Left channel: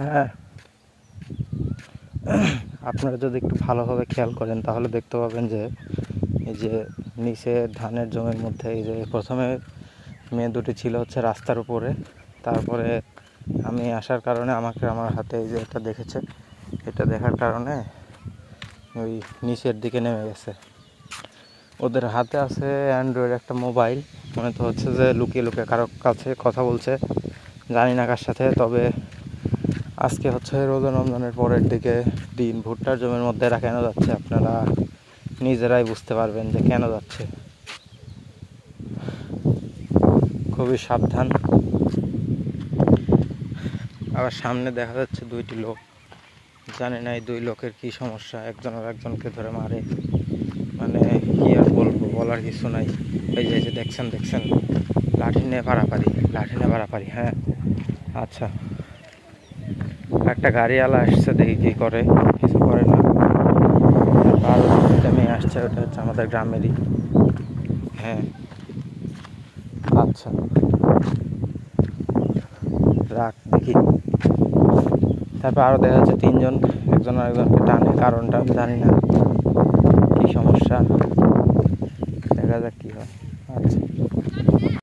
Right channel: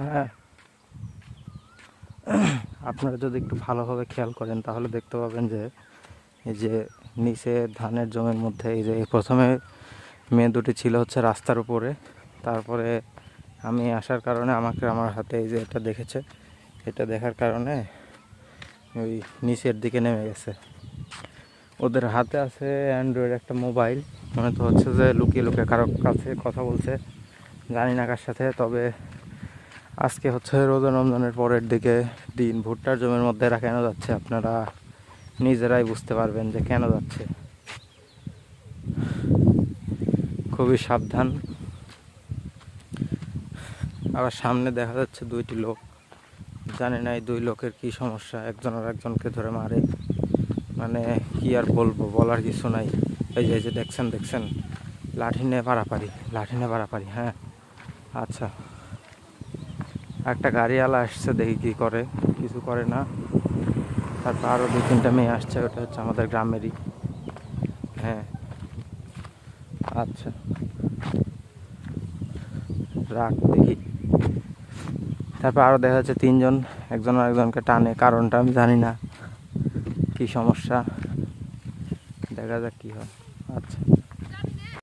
হ্যাঁ, আপনারা যদি একটু ভালোভাবে খেয়াল করেন তাহলে দেখতে পাবেন যে এই যে নিচে ধানের জমির মধ্যে এই যে প্রথমে মেয়ে দুটি ছিল হচ্ছে রাস্তার উপরে, তারপরে আমি আসার কারণে আমাকে আমার হাতে এই যে এটা দেখেছে, এটা দেখার কারণে ওই নিচের দিকে নেমে গেছে। ওদের হাতে আছে অ্যান্ড্রয়েড একটা মোবাইল, মনে তো হচ্ছে যে লুকিয়ে লুকিয়ে কারো কাছে কথা বলছে, জানি না কার সাথে। তবে আজকে হচ্ছে রোজা রমজানের পরের দিকে দিন, ভুট্টার জমির মধ্যে এরা কেন যাচ্ছে আপনারা নিজেরাই বুঝতে পারবেন যে কেন যাচ্ছে। খুবই সাবধান। আবার সামনে দেখা যাচ্ছে দুইটি লোক, জানি না এই দুই লোকের কি সমস্যা, একজন আর একজনকে ধরে মারে, মানে কি আর বলবো, বলার কিছু নাই। এই যে দেখছেন লাঠি নিয়ে পারাপারি। হ্যাঁ আচ্ছা, একটা গাড়িওয়ালা আসছে, দেখি কি করে, কিছু করে না। তারপর আরও দু তিনটা মেয়ে আসছে, ওটা হচ্ছে আমাদের গ্রামেরই। হ্যাঁ আচ্ছা, রাখ দেখি। তারপর আরও দেখা যাচ্ছে তিনজন, একজন আরেকজনকে টানে, কারণটা আমি জানি না কি সমস্যা, দেখা যাক কি হয়। আচ্ছা।